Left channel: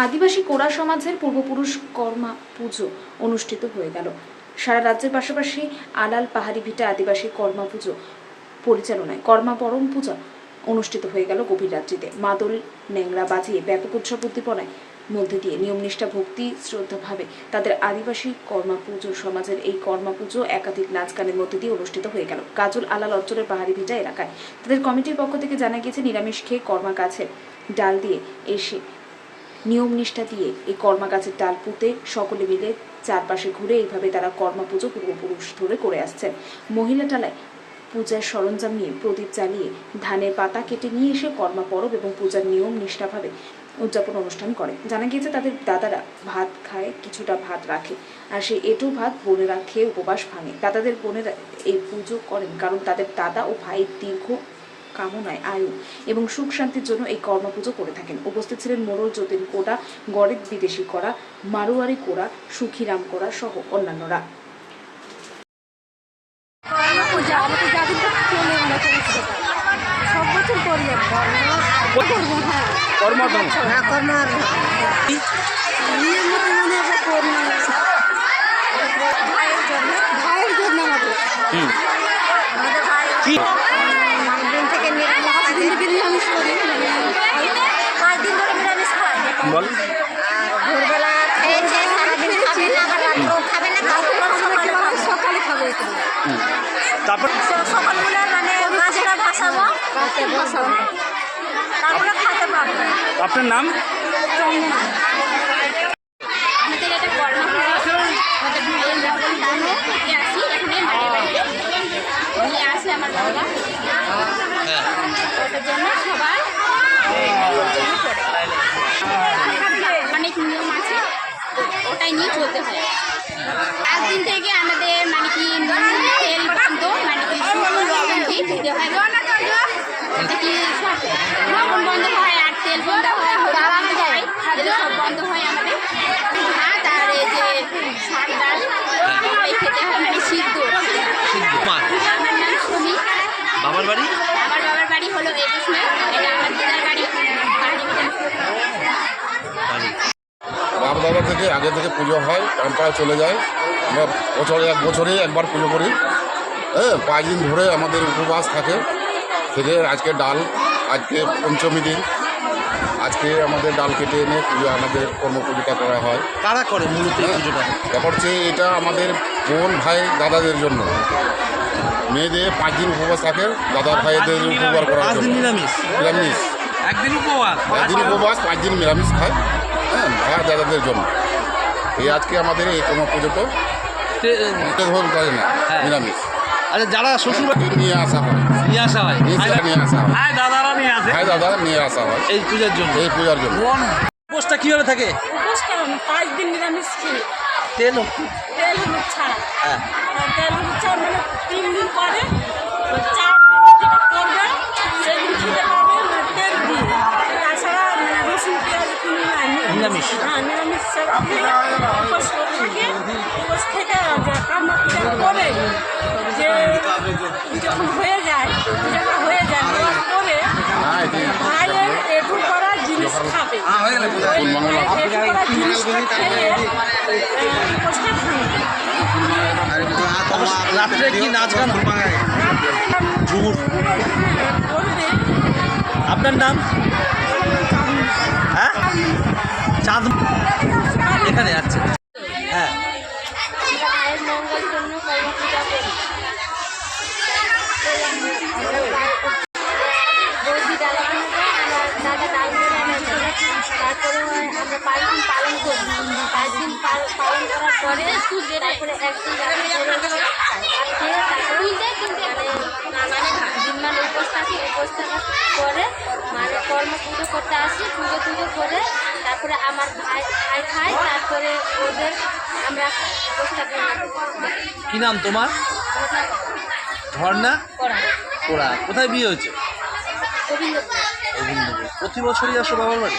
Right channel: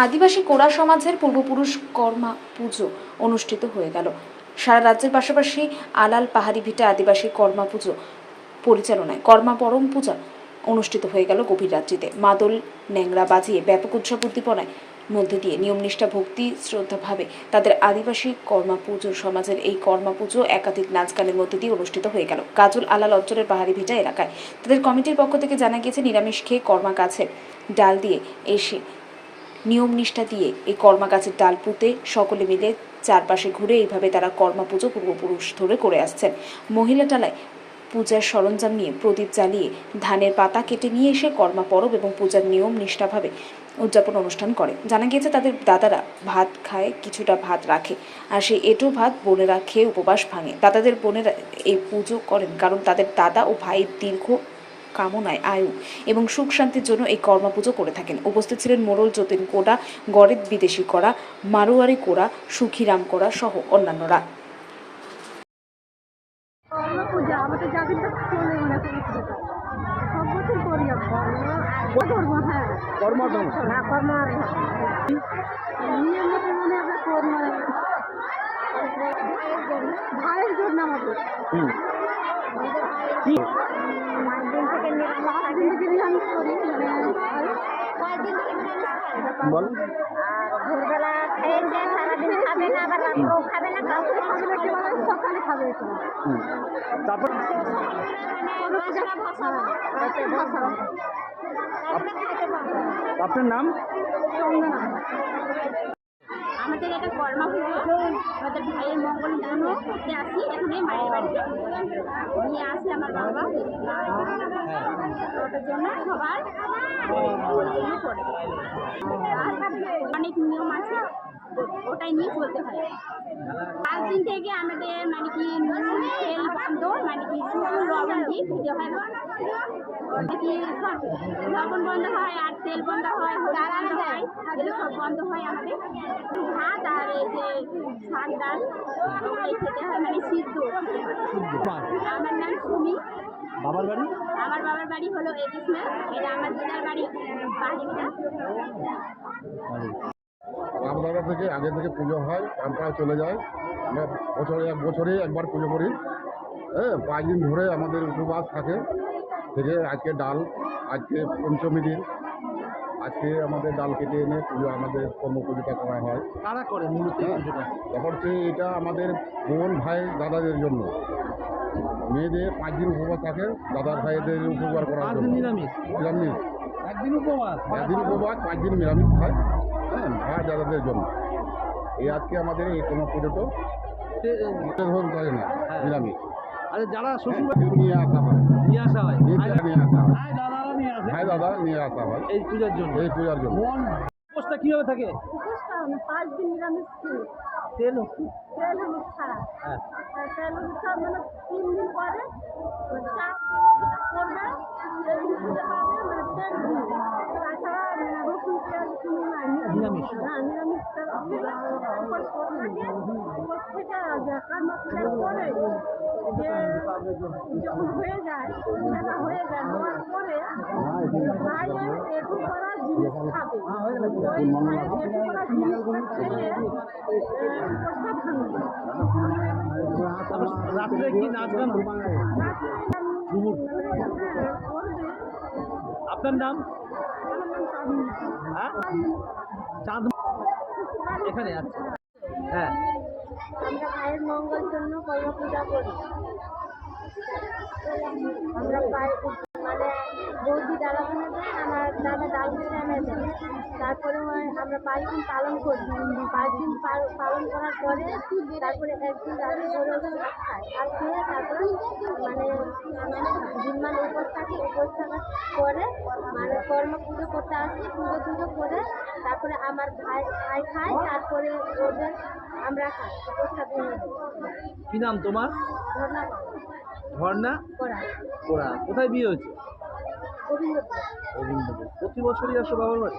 আদিবাসী কোড়া সমাজের পূর্বপুরুষ কর্মা পুজো অনুষ্ঠিত হয়ে গেল। সারা রাজ্যের পাশাপাশি আলাল পাহাড়ি ভিটা আদিবাসী কর্মা পুজো পরিচালনায় কর্মা পরম পূজা অনুষ্ঠিত হয়ে গেল গভীর রাত্রিতে। মাদল ন্যাংরা বাজিয়ে ব্যাপক উৎসব উদ্দীপনায় মধ্যে দিয়ে নিয়মনিষ্ঠা ভক্তি শ্রদ্ধাভাবে তাদের আদিবাসী কর্মা পুজো সমাজের এই কর্মা পুজো একাধিক নাচ গানের মধ্যে দিয়ে অনুষ্ঠিত হয়ে গেল। কাজল আলাল অঞ্চলের পাহাড়ি ভিটা এলাকায়। তাদের কমিটির পক্ষ থেকে জানা গিয়েছে, নিরামিষ খেয়ে কর্মা গাছের ডাল দিয়ে এসে নিয়ম নিষ্ঠা দিয়ে এই কর্মা গাছের ডাল পুঁতে সকলে মিলে চারপাশে ঘুরে এইভাবে তারা কর্মা পুজো পূর্বপুরুষ ধরে করে আসছেন। মহিলা টালায় পূজার সরঞ্জাম নিয়ে প্রদীপ জ্বালিয়ে ধানের পাতা কেটে নিয়ে এসে কর্মা পরব এবং পূজার নিয়ম নিষ্ঠাভাবে উদযাপন অনুষ্ঠান করে। জানা গিয়েছে, তাদের দাদারা ভাত খায়, কিছুটা ভাত রাখে আর সেই এঁটো ভাত বোনেরা খেয়ে উপবাস ভাঙে। দাদাদের বোনেরা এই পুজো করেন কারণ তাদের দাদা ও ভাইয়ের দীর্ঘ কামনায় আয়ু এবং সুখ শান্তির জন্য এই কর্মা পুজো করে থাকেন। উপস্থিত ছিলেন মোড়ল যতীন কোড়া গরিব বিদেশি করা মারোয়ারি কোড়া সুখীরাম কোড়া সহ অন্যান্যরা। কর্মা পূজা আমাদের জাতির তো চলে করেছিল সব বছর করি আমরা। হ্যাঁ কর্মধর্ম হ্যাঁ কর্মা নিয়ম মতো মানে আমরা কর্মা ভাইয়ের জন্য ভাইয়ের জন্য আমাদের আমাদের ভাইয়ের কি? দিন থেকে লাস্ট দিন নিরামিষ করি মানে পাঁচ দিন ধরে নিরামিষ খাই। বল। ভোরবেলা খেয়েছে সারাদিন খাবে না খাবে না সকালে খাবে। তারপর? সকালবেলা মানে মাছটা ভাসাবো। মাছটা ভাসাবো। তারপরে খেতে পারব। আপনার নাম? চন্দনা আমাদের এটা কর্মা পুজো আমাদের ভাইয়ের যখন দানো থেকে আসি এখানে বাড়ি বাড়িতে নিয়ে আসে আমার বাবা। ওটার জন্য সবাই ওর জন্য করে অনেক নিয়ম আছে ওটাই নিয়ে চলতে হয়। পাঁচ দিন থেকে আমাদের মানে কি তেল বন্ধ মানে কি শুধু লবণ দিয়ে দিতে হয়। কি সব লবণ বন্ধ হয় আর তেল বন্ধ হয় হলুদ বন্ধ হয় এগুলো সব বন্ধ হয় আমাদের। ভাত আর এই যে শাক ডাল খেতে হয় মানে সিদ্ধ। আমার বাবার বাড়ি? আমার বাবার বাড়ি হলো একুশ এটা আমার দিদার বাড়ি দাদা থেকে আগে থেকে পুজো হয় টানটায় চলে যায়। আমরা বছরে এক বছরে একবার পুজো করি। হ্যাঁ পাঁচ দিন ধরে আমাদের উপবাস থাকে। থেকে আজকে ডাল আজকে পঞ্চমী দিন। আজকে আমাদের ডাল কেটে এনে পুজো আমাদের কর্ম পুজোটা করা হয়। কারা করে মূলত ব্যাপার হচ্ছে এটা আমাদের বোন ভাই দাদাদের জন্য। মেয়েদের পাঁচ দিন উপবাস থাকে দাদা ভাইদের উপকার দিন নিরামিষ। নিরামিষ। একদিন উপবাস। পাঁচ দিন উপবাস পাঁচ দিন নিরামিষ খায়। হ্যাঁ ভাই দাদাদের জন্য। এই আজকে আমাদের এই কোনো পুজোটা তে- ধরুন করে না হ্যাঁ। নিরামিষ। আরে যারা শ্বশুর নিয়ে আসা হয়। নিয়ে আসা হয়। নিয়ে আসা হয়। ভাই দাদারা নিয়ে আসে। ভাই দাদা নিয়ে আসা হয়। এই পূজার জন্য। এই পূজার জন্য। উপোসটা কীভাবে থাকে? উপোস পাঁচ দিন নিরামিষ খেয়ে। তেল তেল হলুদ ছাড়া। হ্যাঁ। তেল হলুদ ছাড়া মানে তিন দিন পরে চার দিন যেটা করবে সেদিন খেতে পারবে তেল দিয়ে তাছাড়া রসুন পেঁয়াজ কোনো নিরামিষ। হ্যাঁ নিরামিষ ছাড়া উপোস করে থাকে উপোস থেকে যে কামনা পূজা করে যে যখন হয়ে যায় পূজাটা হয়ে যায় হ্যাঁ ভাইয়ের এটু করা জিনিস খাবে কোন রাত্রে কি নাচ গান আপনার নাম হ্যাঁ চাঁদ এখানে আচ্ছা আমরা পালন করি পাঁচ দিন পালন করার পরে তারপরে একদিন মানে মানে দিনমান উপোস থাকি উপোস থাকার পরে মানে কর্ম পুজো করতে আসি পুজো টুজো করে তারপরে আমার ভাই ভাই খায় তারপরে ওদের আমরা খাই কি নাম তোমার? ঝর্ণা করা কোথায় বিয়ে হয়েছে? প্রতি বছরই আসো বাবার বাড়ি?